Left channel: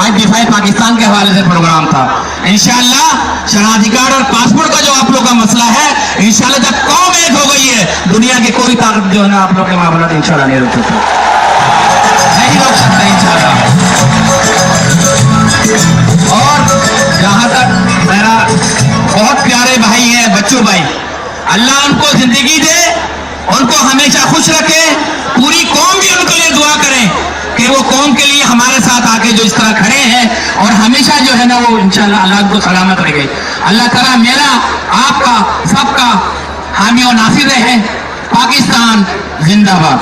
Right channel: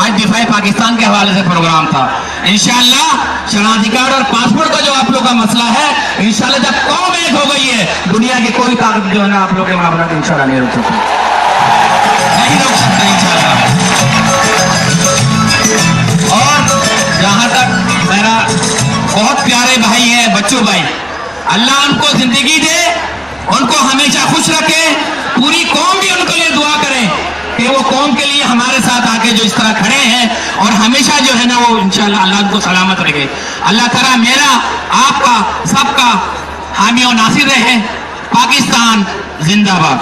आज दिफाई पाकिस्तान के हवाले से प्रोग्राम था। इंशाअल्लाह शनाख्ती कार्ड और पासपोर्ट का जो आप लोग का मसला है, इंशाअल्लाह जब कौम एक हो गई है, दुनिया की कोई ताकत जो है ना आप लोग के मामला इंशाअल्लाह नहीं रोक सकती, नहीं रोक सकता इंशाअल्लाह। और जहाँ तक मेरा बहुत प्यारे भाई है, बच्चों भाई, अल्लाह उनको जिंदगी दे, उनको हमेशा खुश रखे, पूरी कौम भी उनके लिए दुआ करें कि वो कौम के लिए हमारे साथ आके जो इस तरह खड़े हैं और हमेशा जो है ना वो इंशाअल्लाह अल्लाह को सलामत रखे। अल्लाह ताला मेरा आपका सबका हामी और नासिर रहे। पाकिस्तान जिंदाबाद।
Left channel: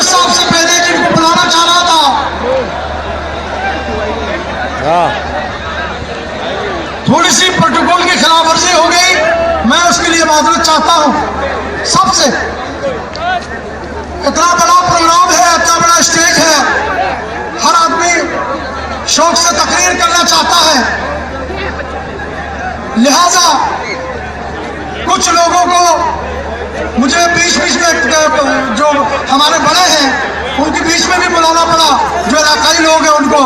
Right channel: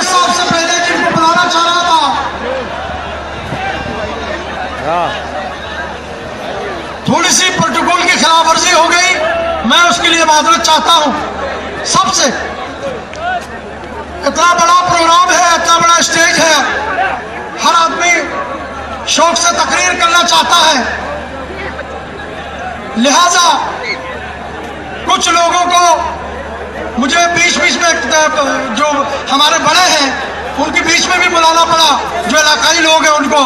साहब से पहले जिनको बुलाना चाह रहा था, थोड़ी सी प्रोटोकॉल की खिलाफ वर्जी हो गई, मैं उसके लिए माजरत चाहता हूं सबसे। इतना बड़ा प्रोग्राम है, इतना बड़ा स्टेज है, हर आदमी शौक से तकरीर करना चाहता है, लिहाजा कुछ लोगों को मुझे बीच बीच में जो हमारे बड़े हैं उनके बीच में भी बुलाना पड़ा, जो इलाकाई लोग हैं उनको,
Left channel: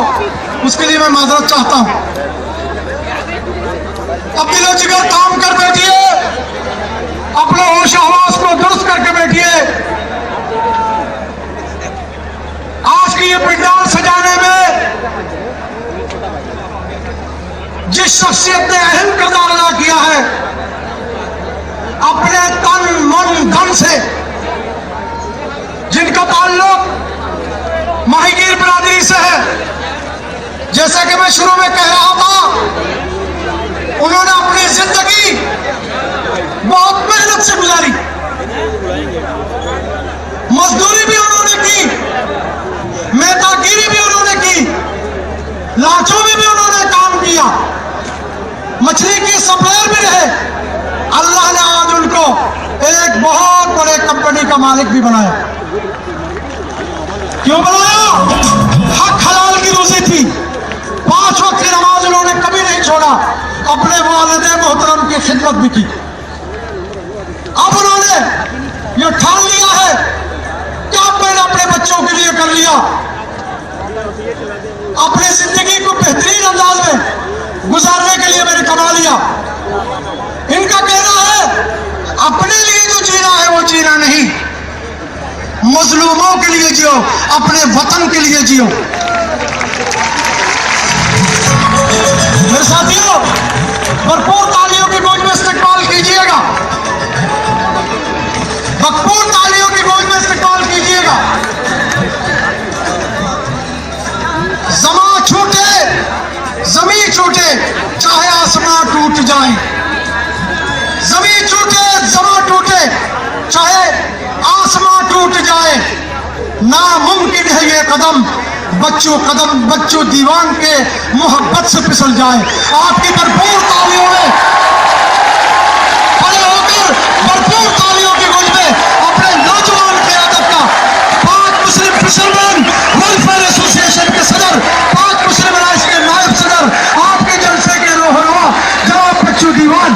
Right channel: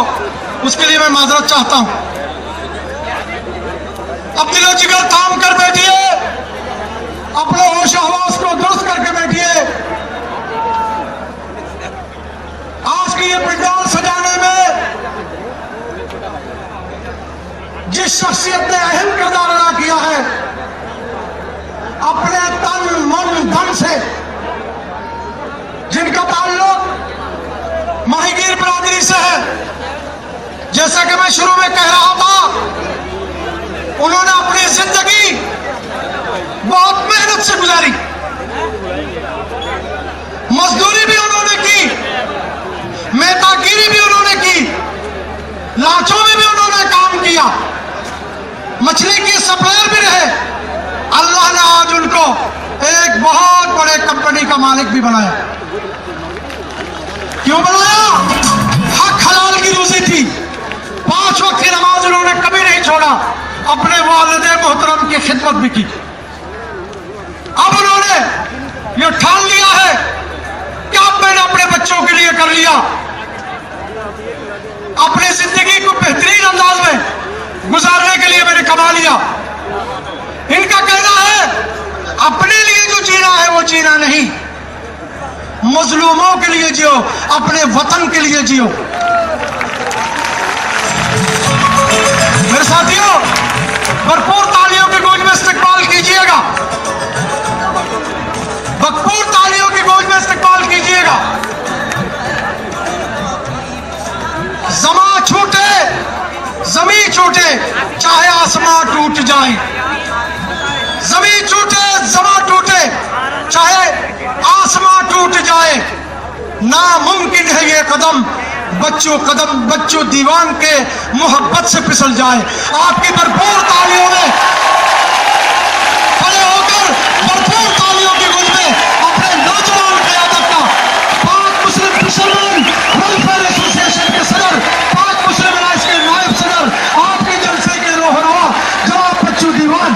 उसके लिए मैं माजरत चाहता हूं। अब दिलो जिगर काम कर बैठिए, अपने होश हवास को दुरुस्त करके बैठिए। आज की ये पंडाल सजाने में जिस शख्सियत ने अहम किरदार अदा किया है, अपने तन मन धन से, जिनका ताल्लुक माहीगीर बरादरी से है, जैसे कि मैं शुरू में कह रहा था, उन्होंने अपनी जिंदगी बहुत मेहनत से गुजारी, मजदूरी भी उन्होंने की, मेहनतगिरी भी उन्होंने की, लाचों में भी उन्होंने काम किया, मछली के सप्लायर भी रहे। अल्लाह ने आज उनको एक बहुत बड़े कंपनी का मालिक भी बनाया। क्यों बनाया? हक हलाल की रोजी थी, 5 वक्त की नमाज उन्होंने कभी नहीं छोड़ा, अपने वालिद मोहतरम की खिदमत भी की। अब उन्होंने ये ठान लिया है कि अब मैंने अपने बच्चों के लिए कर लिया, अपनी जिंदगी को बेहतरीन अंदाज में गुजारने के लिए मैंने कमा लिया। इनका कहना है अपने लिए जो जीना है वो जीना नहीं, मजलूमों के लिए जियो, अपने वतन के लिए जियो। मेरे साथियों, भरपूर तालियों की गूंज में इस्तकबाल कीजिएगा, भरपूर तालियों की गूंज में इस्तकबाल कीजिएगा। ज़मां छूटे, ज़मीं छूटे, चाहे आसमान टूट जाए, ज़मीं छूटे, ज़मां टूटे, चाहे आसमान टूट जाए, नामुमकिन है ये कदम बच्चों दीवान के मोहब्बत से फिसल जाए। आपकी भरपूर तालियों में खड़े होकर भरपूर तालियों की गूंज में अपने नौजवान क़यादत का पाक मुस्लिम फिशरमैन वेलफेयर एसोसिएशन के सदर, पाक मुस्लिम अलायंस के नायब सदर, आपके जलसे के रोहनुमा जनाब बच्चों दीवान,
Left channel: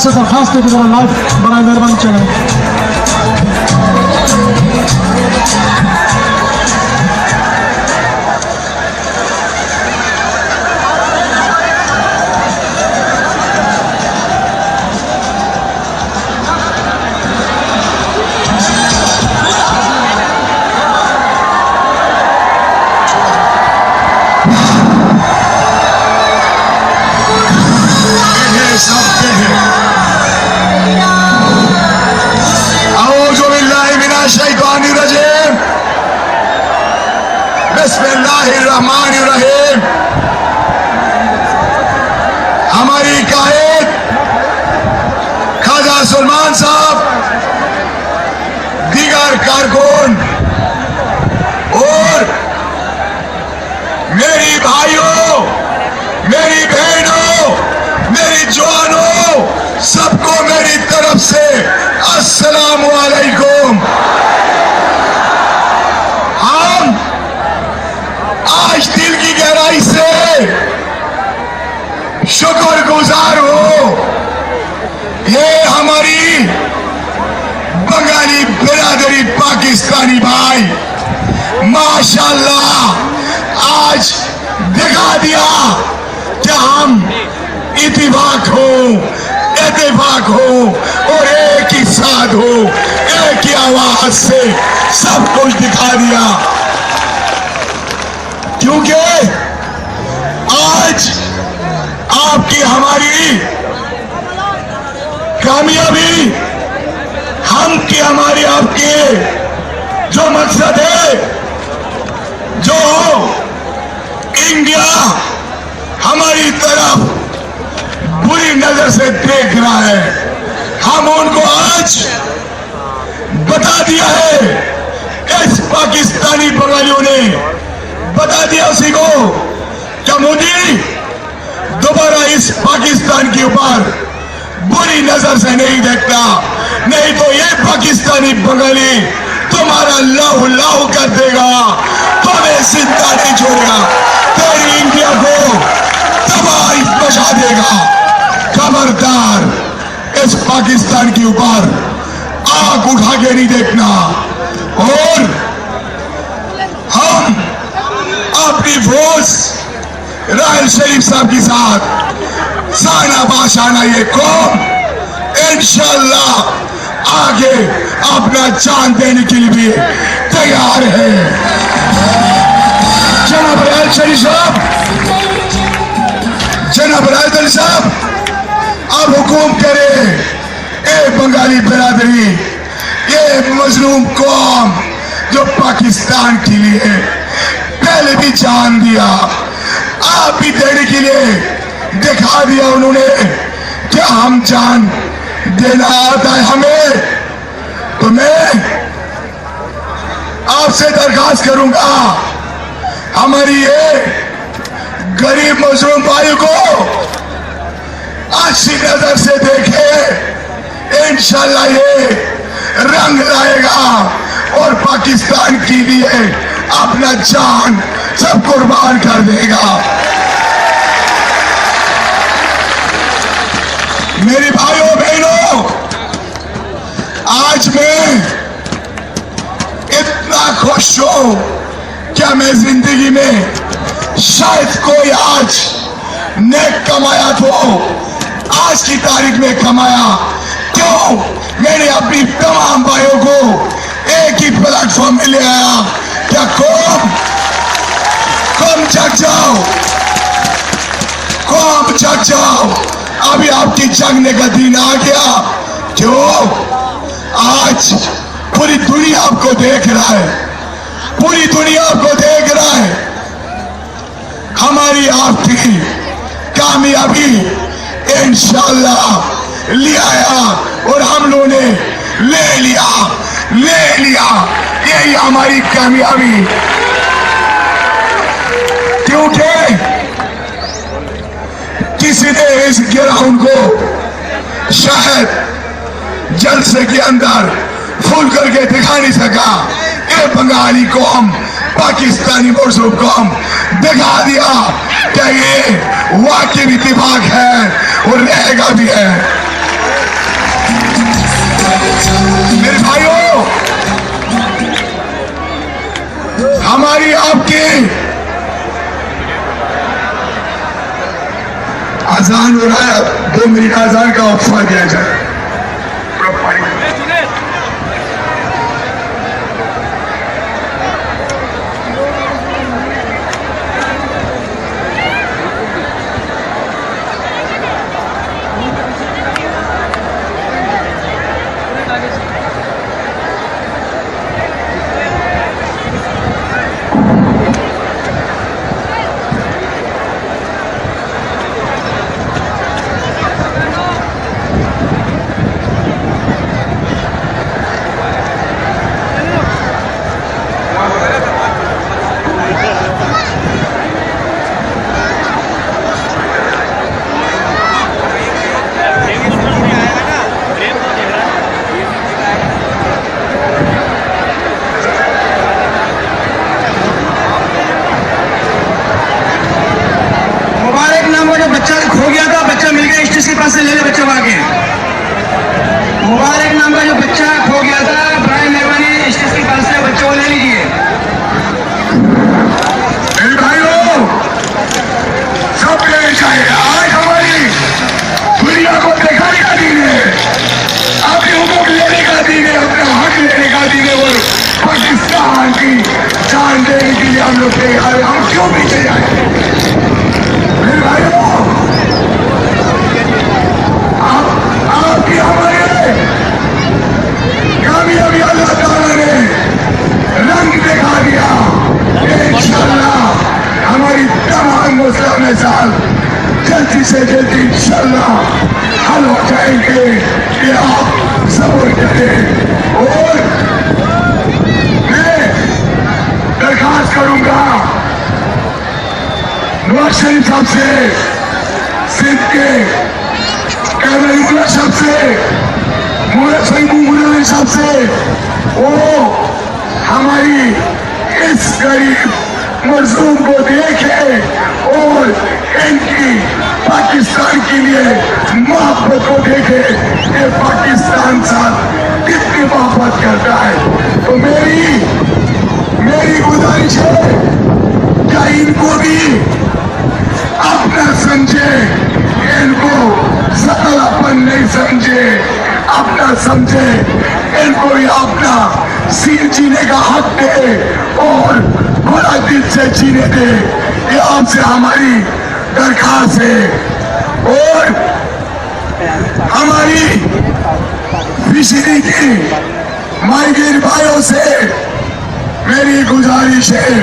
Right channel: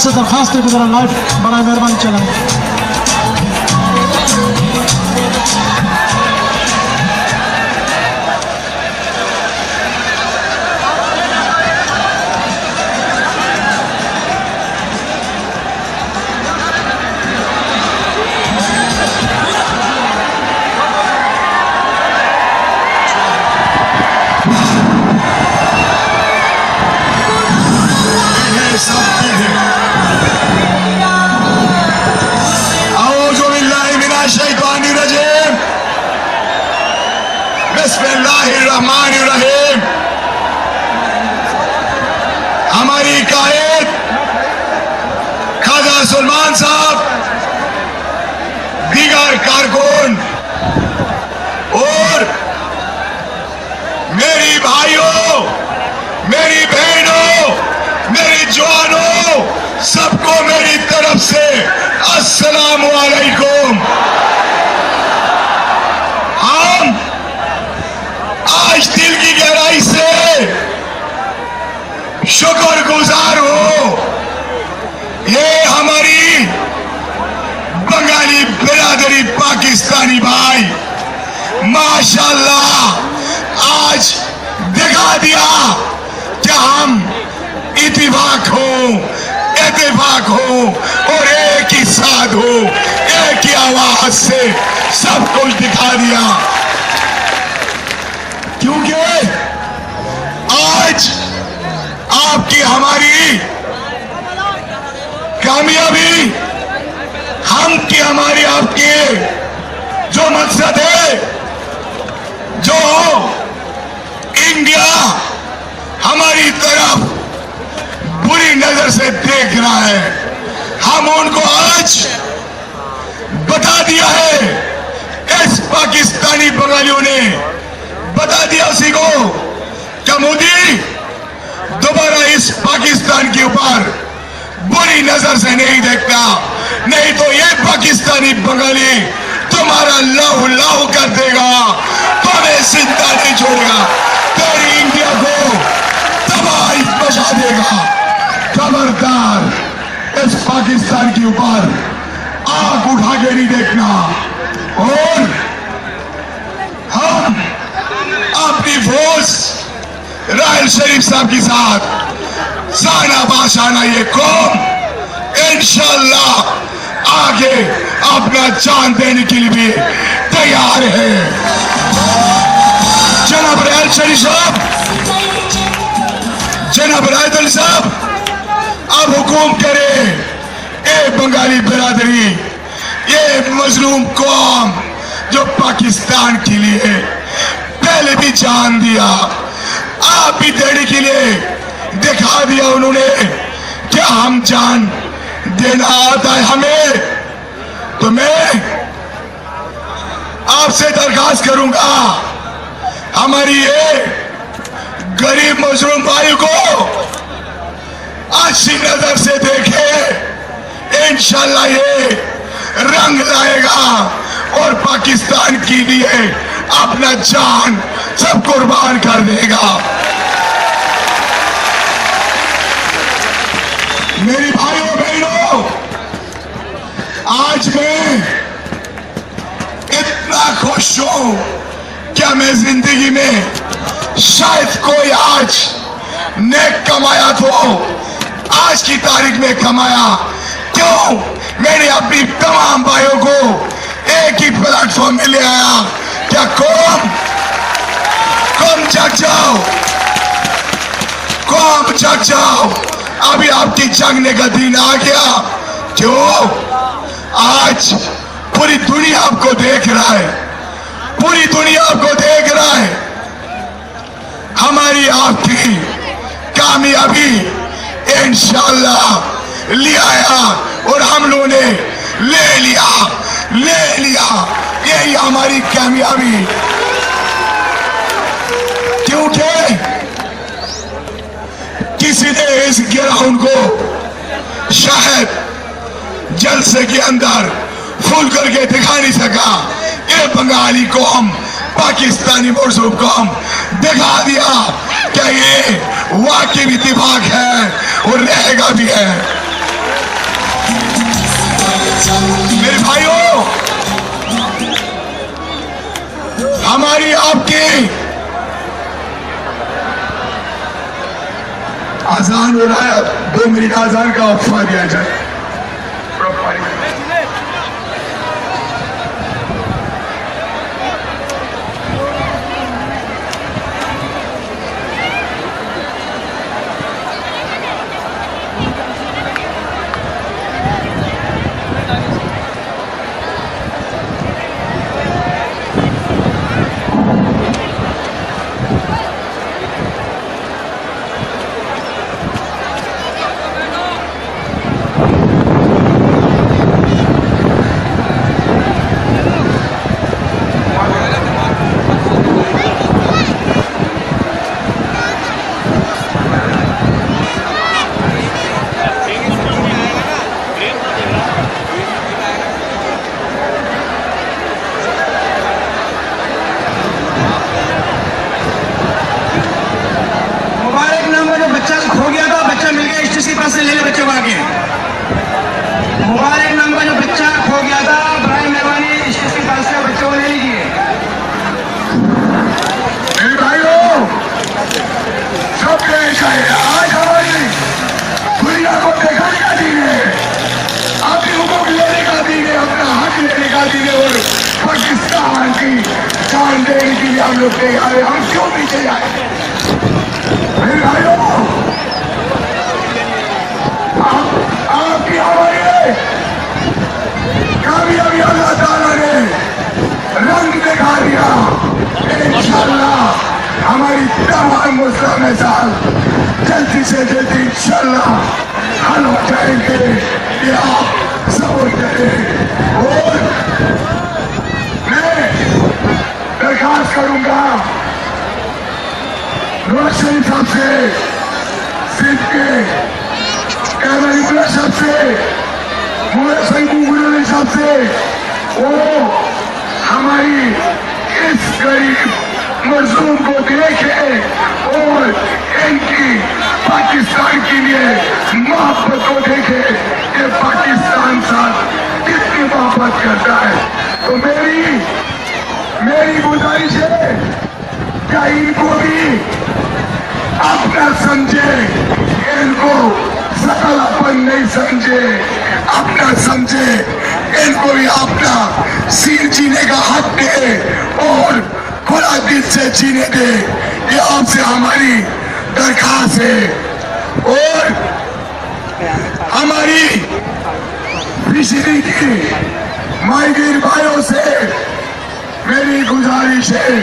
से दरखास्त है कि ज़रा लाइव बराए मेहरबानी चलाएं। हमारी कायद खाजा सलमान साहब, दीगर कारकुन और मेरी भाइयों, मेरी बहनों, मेरी जवानों, सबको मेरी तरफ से अस्सलाम वालेकुम। हम आज दिल की गहराई से शुक्रगुजार हो, ये हमारी बंगाली बिरादरी पाकिस्तानी भाई माशाल्लाह आज दिखा दिया कि हम इत्तेफाक हो और एक ही साथ हो, एक ही आवाज से सब कुछ दिखा दिया। क्योंकि आज आपकी हमारी कामयाबी, हम की हमारी आपके जो मकसद है, जो इंडिया हमारी तरफ बुरी नजर से देख रहा है, हम उनको आज बता दिया है। इस पाकिस्तानी बंगालियों ने बता दिया उसी को क्या मोदी दोबारा इस पाकिस्तान के ऊपर बुरी नजर से नहीं देखता, नहीं तो ये पाकिस्तानी बंगाली तुम्हारा लाहू लाहू कर देगा, तुम्हें जिंदा नहीं छोड़ेगा, तेरी इंडिया को तबाही मचा देगा। खबरदार, इस पाकिस्तान के ऊपर आग उठा के नहीं देखना। और हम अपनी फौज राहल शरीफ साहब के साथ साना बाशाना ये कौम इंशाअल्लाह आगे अपना जान देने के लिए भी तैयार है। जनाब राहल शरीफ साहब, जनाब राहल साहब, अब हुकूम करे ए बंगाली बिरादरी, ये मजलूम कौम जो पाकिस्तान के लिए पहले भी जान दिया, आप भी देने के लिए दिखा दिया उन्होंने क्या हम जान देना आता है हमें। तो मैं आपसे दरखास्त करूंगा, हमारी ये गरीब मजलूम भाई को अच्छी नजर से देखे, इंशाल्लाह ये रंग लाएगा और पाकिस्तान के लिए अपना जान सब कुर्बान कर देगा। मेरी भाइयों बहनों, आज मैं इतना खुश हूं क्या मैं जिंदगी में शायद कोई आज नेक कमाया तो आज की तारीख में कमाया। क्यों? मैंने अपनी तमाम भाइयों को एक ही प्लेटफॉर्म में ले आया। क्या कौम जग जाओ, कौम जग जाओ, अभी आपकी जगने का दिन आ गया। क्यों? आज पूरी दुनिया आपको देख रहा है, पूरी दुनिया आपको देख रहा है। हमारी आपकी कामयाबी इंशाअल्लाह ले आया और हम लोगों ने ले लिया। यही हमारी कामयाबी। क्योंकि किसी ने इस ग्राउंड को शायद जलसे के अंदर फुल करके दिखा नहीं सका। ये बंगाली कौम, पाकिस्तानी मजलूम कौम दिखा दिया कि ये वाकई इत्तेफाक है और रहेगा भी है। हो रहा है, 2 मिनट आजान का वक्फा दिया जाए। से ले ले बच्चों को आगे। मुबारक नाम का जो बच्चा खो गया था, बड़े मेहरबानी स्टेज के पास से बच्चों को ले लीजिए। मेरे भाइयों, सब पेश आए। आज हमारी दुनिया को दिखाने का दिन है, अपने हुकूक लेने का दिन है, अपना हक लेने का दिन है और पाकिस्तान की जान देने के लिए हम लोग तैयार हैं। हम क्यों पीछे जाए? मेरे भाइयों, जल्दी से जल्दी इंशाअल्लाह हल हो जाएंगे। ये आप समझ करें। और मैं दरखास्त करूंगा नवाज शरीफ साहब से, सिंध के कयादत साहब से, मौलाना साहब से, वो हमारी इस गरीब मजलूम को देखे और इनकी पाकिस्तान के लिए मोहब्बत को देखे कि पाकिस्तान साथ कितनी मोहब्बत करता है। तो मेरी गुजारिश है क्या इनको भी अपना समझे, इनको सकलापन नहीं समझे, अपना समझे, इनको भी अपना सिर जीने का हक दे और बड़ा दिल से जीने दे। ये आपसे हमारी दरखास्त है। और हमारी पिछड़ी की माइग्रेन भाइयों से मेरी गुजारिश है